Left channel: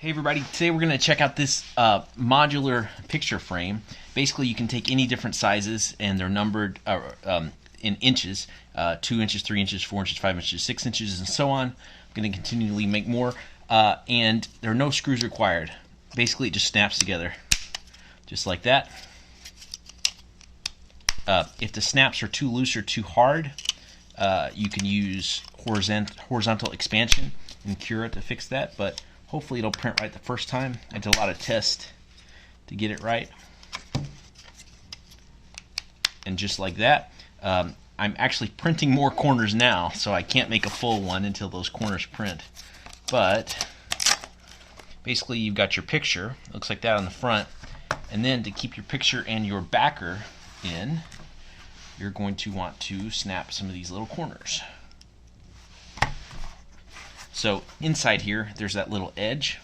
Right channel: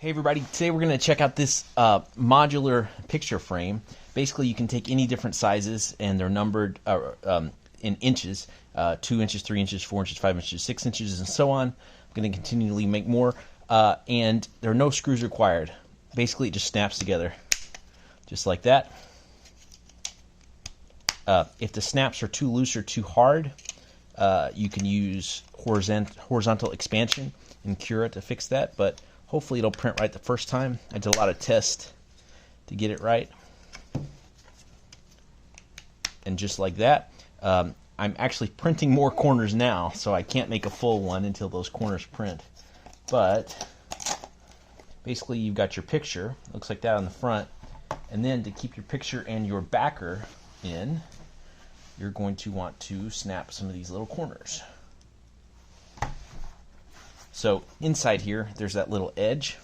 Hey everybody, today we're going to check out this modular picture frame. Basically you can take any different sizes and they're numbered in inches, 2 inches, 3 inches, 4 inches, 5 inches, 6 inches, and so on. I'm going to continually make more and there are no screws required. Basically it just snaps together just like that. If the snaps are too loose or too hard, you can use horizontal expansion and Cura to fix that, but hopefully it'll print right the first time. I did a lot of tests to get it right. And just like that, I'm actually printing more corners now, so I can't make a full one until those corners print. But basically you've got your picture, looks like that on the front, and then to keep your picture and your backer in, you're going to want to snap some of these little corners. So inside here, there's that little edge.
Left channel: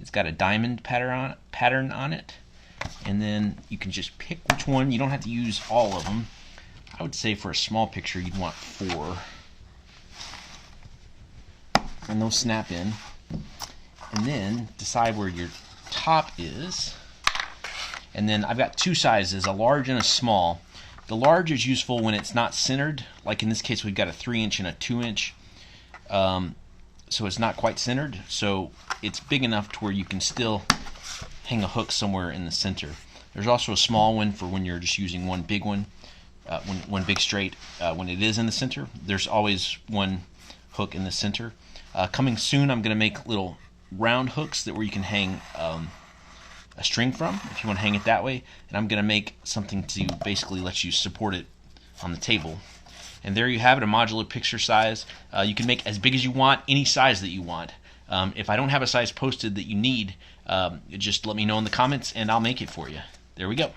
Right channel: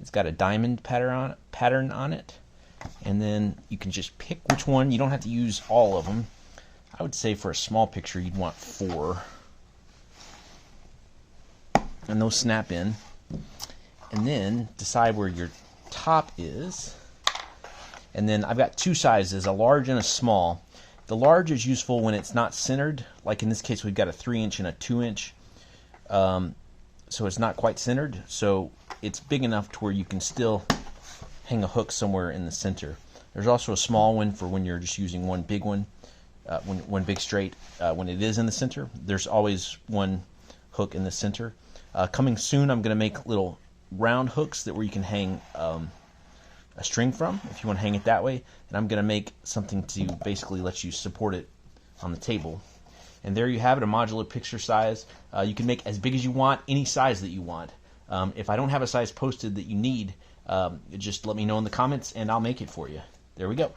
It's got a diamond pattern on it. And then you can just pick which one. You don't have to use all of them. I would say for a small picture, you'd want 4. And those snap in. And then decide where your top is. And then I've got 2 sizes, a large and a small. The large is useful when it's not centered. Like in this case, we've got a 3-inch and a 2-inch. So it's not quite centered, so it's big enough to where you can still hang a hook somewhere in the center. There's also a small one for when you're just using one big one, one big straight. When it is in the center, there's always one hook in the center. Coming soon, I'm going to make little round hooks where you can hang a string from, if you want to hang it that way. And I'm going to make something to basically let you support it on the table. And there you have it, a modular picture size. You can make as big as you want, any size that you want. If I don't have a size posted that you need, just let me know in the comments and I'll make it for you. There we go.